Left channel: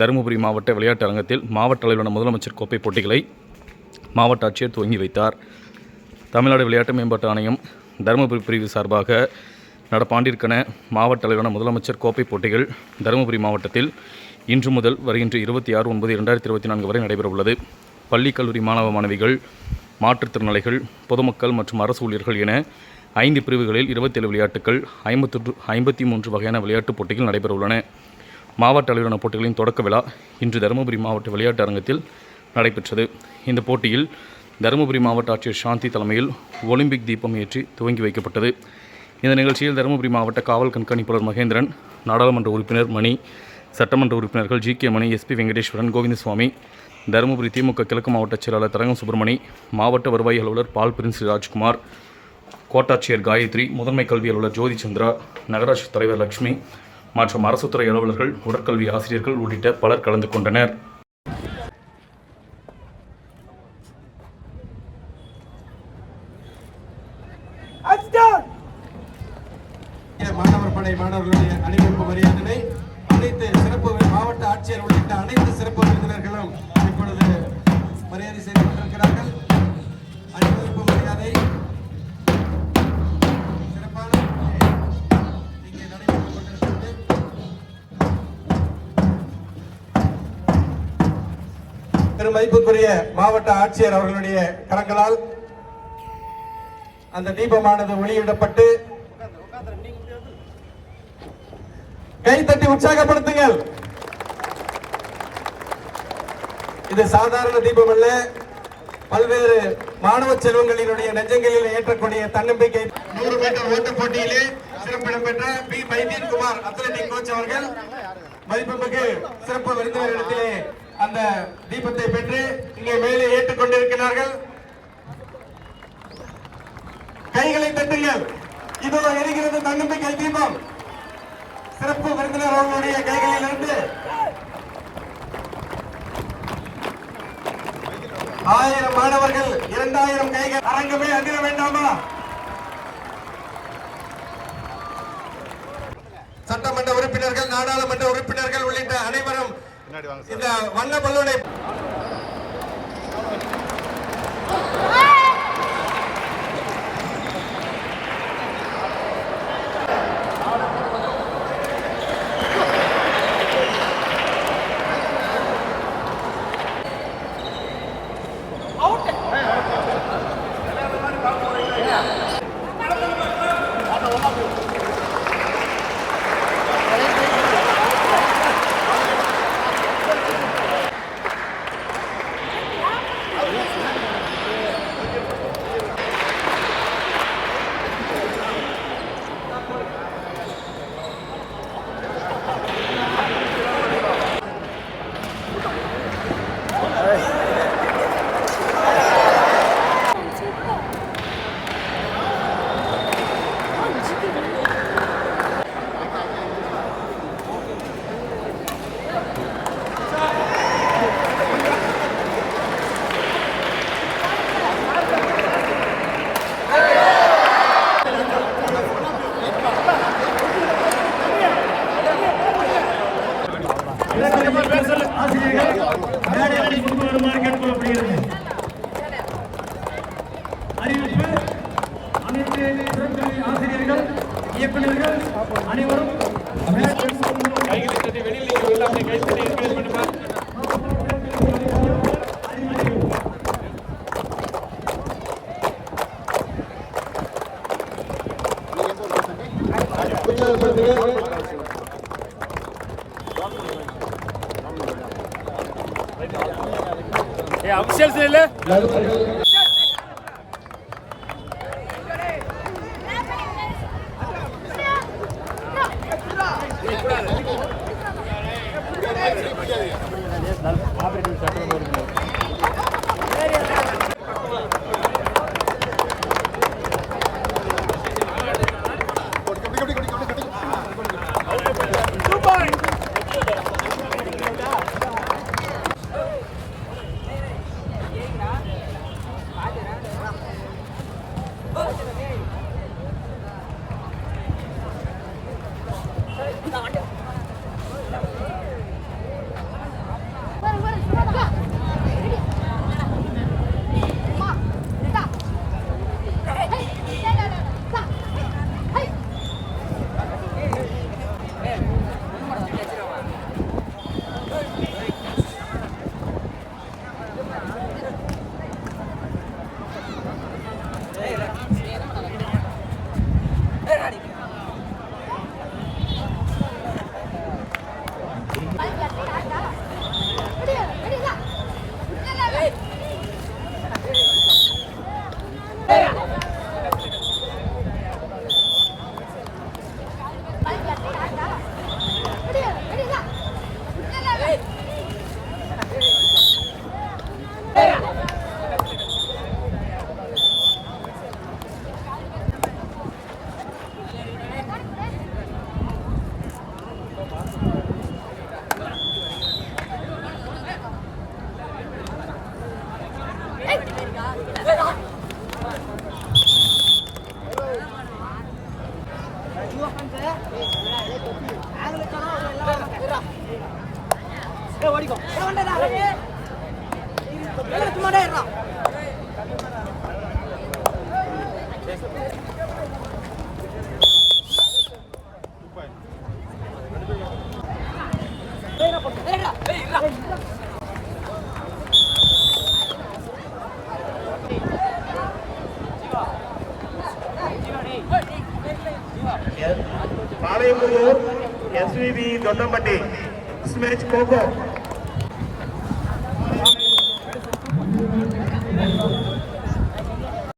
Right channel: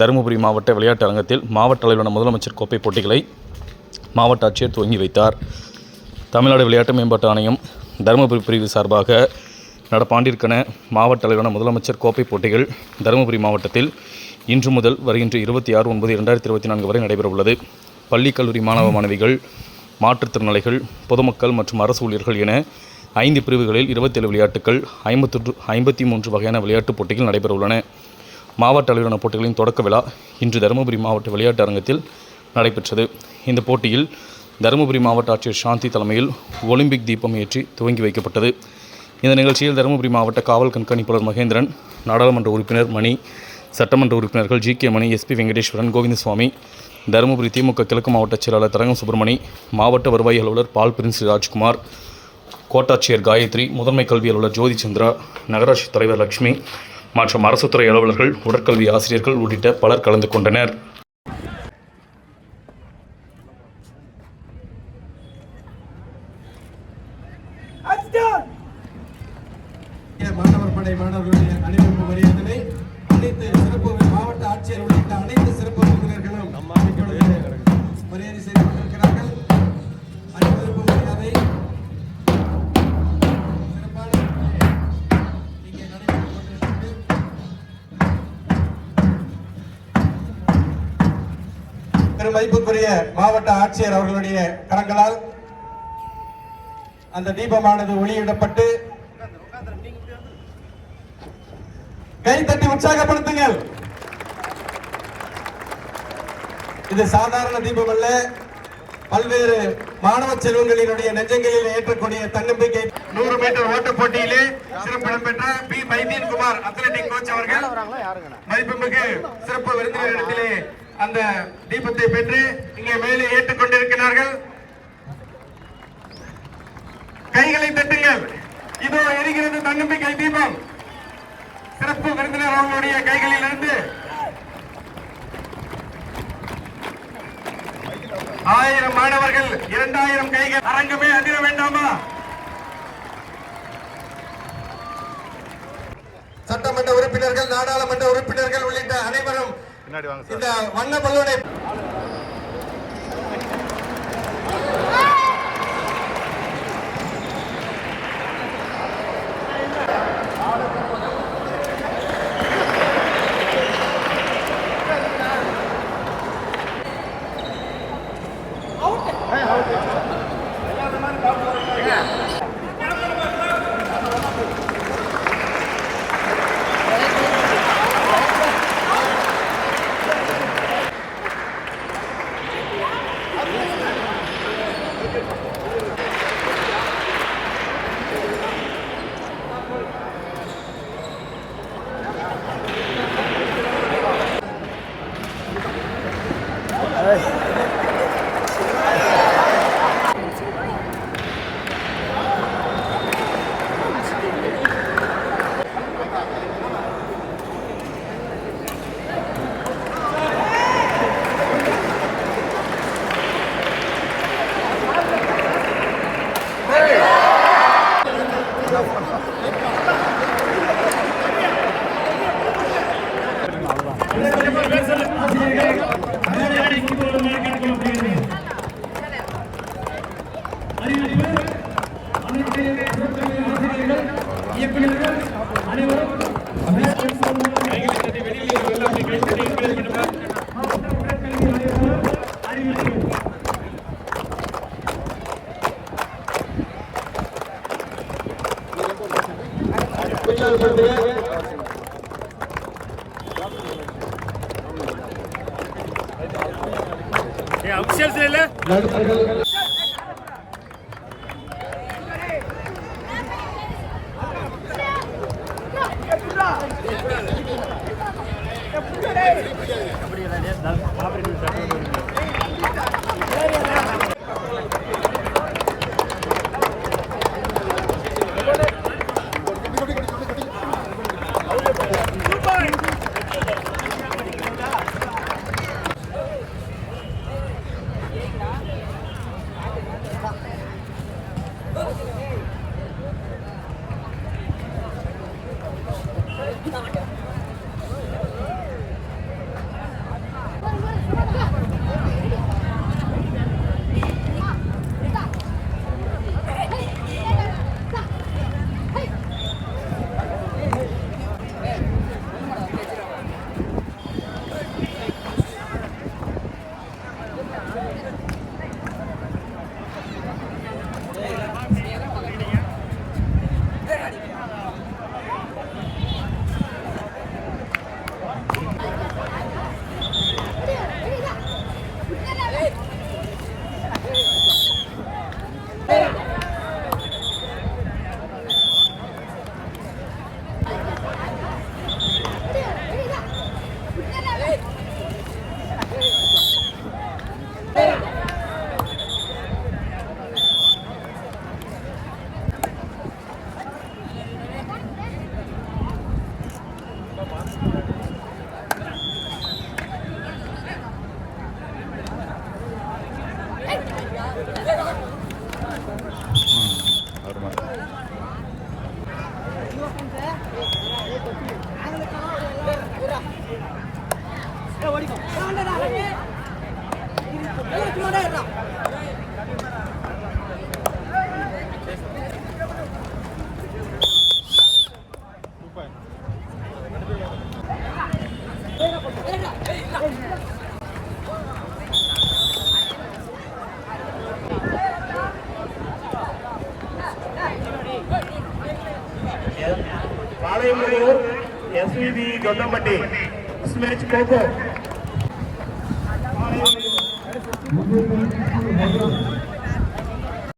தருமபுரி மாவட்ட விளையாட்டு அரங்கத்தில் மாவட்ட அளவிலான முதலமைச்சர் கோப்பை போட்டிகளை மாவட்ட ஆட்சியர் துவங்கி வைத்தார். தமிழ்நாடு விளையாட்டு மேம்பாட்டு ஆணையம் தருமபுரி பிரிவு சார்பாக நடப்பாண்டிற்கான மாவட்ட அளவிலான முதலமைச்சர் கோப்பை போட்டிகள் தருமபுரி மாவட்டத்தில் இன்று முதல் வருகின்ற இருபத்தி ஆறு ஒன்பது இரண்டாயிரத்தி இருபத்தி நான்கு வரை நடைபெறவுள்ளது. பள்ளி கல்லூரி மாணவ மாணவிகள் மாற்றுத்திறனாளிகள் பொதுமக்கள் மற்றும் அரசு ஊழியர்கள் என ஐந்து பிரிவுகளில் இருபத்தேழு விளையாட்டுகள் ஐம்பத்தொன்று ஐம்பத்தி மூன்று வகையான விளையாட்டுப் போட்டிகள் நடைபெறவுள்ளன. மாவட்ட அளவிலான போட்டிகளின் தொடக்க விழா இன்று தருமபுரி மாவட்ட விளையாட்டு அரங்கத்தில் நடைபெற்றது. இந்த போட்டியில் தருமபுரி மாவட்ட ஆட்சியர் சாந்தி தலைமையில் ஒலிம்பிக் தீபம் ஏற்றி துவங்கி வைக்கப்பட்டது. இந்த நிகழ்ச்சியில் தருமபுரி மாவட்ட காவல் கண்காணிப்பாளர் மகேந்திரன் நாடாளுமன்ற உறுப்பினர் மணி சட்டமன்ற உறுப்பினர்கள் G K Mani SP Venkateswaran Govindaswamy Dharmapuri DMK கிழக்கு மாவட்ட செயலாளர் தரங்கம் சுப்பிரமணி மாவட்ட வருவாய் அலுவலர் பால் பிரின்ஸ் ராஜ்குமார் கோட்டாட்சியர் காயத்ரி முதன்மை கல்வி அலுவலர் ஜோதி சந்திரா நகராட்சி தலைவர் லட்சுமி மற்றும் அரசுத்துறை அலுவலர்கள் உடற்கல்வி ஆசிரியர்கள் உள்ளிட்ட பலர் கலந்து கொண்டனர். மாணவர் படை மாணவர்களுடைய அணிவகுப்பு மரியாதை அனைத்து சிறப்பு மாவட்ட ஆட்சியர் உள்ளிட்ட அனைத்து சிறப்பு விருந்தினர்களும் திருமதிப்புக்குரிய மாவட்ட ஆட்சியர் அவர்களுடைய கரங்களால் அந்த தீபமானது ஒளியிடப்பட்டு கைத்தட்டி உற்சாகப்படுத்துங்கள். இது சாதாரண தீபம் அல்ல. பல்வேறு மாணவ செல்வங்களினுடைய நெஞ்சங்களில் ஏற்றக்கூடிய தன்னம்பிக்கை. நூறு மீட்டர் ஓட்ட போட்டியிலே சிறப்பிடம் பெற்ற P. Mydeen Kumar athletic coach அவர்கள். மதிப்புமிகு சிறப்பு விருந்தினர் இடத்திலே அந்த தீபத்தை பெற்று இங்கே மேலே ஏற்றுக் கொண்டிருக்கிறார்கள். கைகளை தட்டுங்கள். இதோ எரிகிறது தன்னம்பிக்கை தீபம். சிறப்பு விருந்தினர் அவர்களுடைய கைகளில் இருந்து ஆயிரம் மாணவர்கள் இரண்டாயிரம் கைகள் அரங்கமே அணிய வேண்டாமா? சட்டமன்ற உறுப்பினர்கள் நாடாளுமன்ற உறுப்பினர்கள் உள்ளிட்ட அனைவரும் இந்த வண்ண பலூனை ஆசிரியர்கள் அனைத்து சிறப்புமை ஆசிரியர்கள் இயக்குநர்கள் அனைவரும் அபிஷேக் Oh my god. ஓடிக்கும் இருறா பாளையங்குடியூர் எஸ்விபி கொல்லம்பட்டி மேட்ச் கோகோ